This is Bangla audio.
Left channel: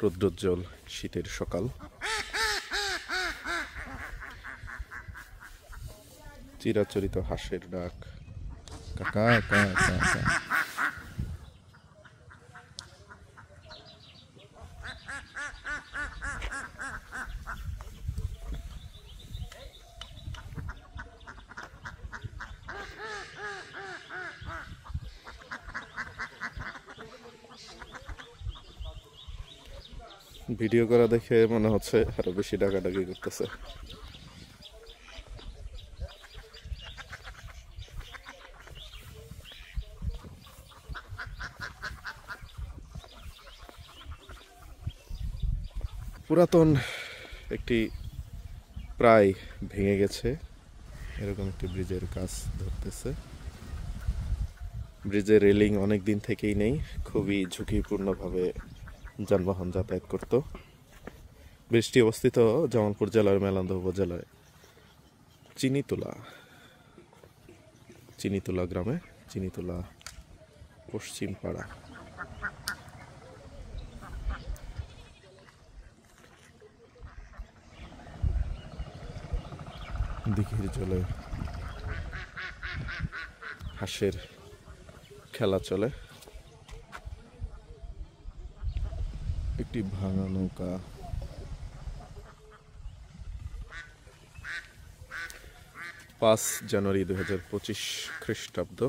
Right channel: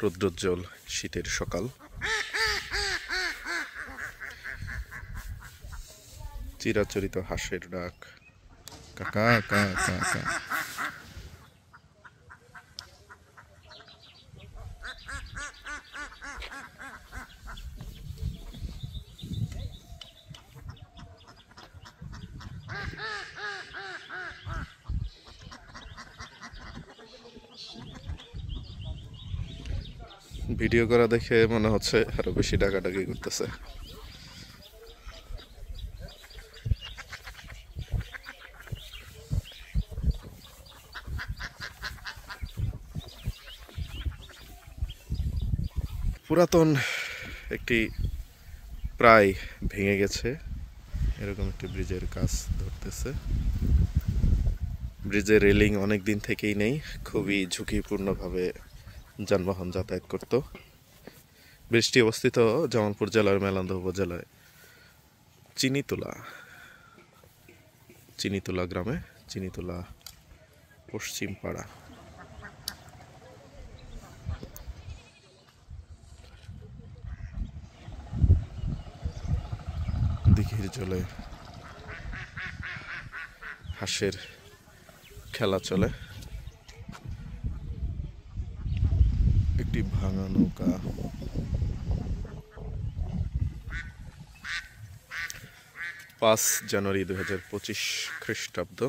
রৌদ্রোজ্জ্বল শীতের সকাল। চিরাচরিত হাঁসের ডাক, কাকা কা কা কা। ভিডিও করা দেখে মনে হচ্ছে আরো বেশি ডাকাডাকি করতেছে। পুরাতন একটি প্রায় ভেঙে গেছে এরকম একটি ব্রিজের কাজ ধরতেছে। ব্রিজের রেলিং অনেক দিন থেকেই নেই, খুবই ঝুঁকিপূর্ণভাবে যানবাহন যাতায়াত করত। ব্রিজটি অবস্থিত জামালপুর জেলার মেলান্দহ উপজেলায় চিনিতুলা গ্রামে, চিনিতুলা পশ্চিম পাড়া। দিঘির জলে হাঁসের খেলা চলে। একটি ভাঙা নৌকা, 5 জানুয়ারি 2025 খ্রিস্টাব্দ।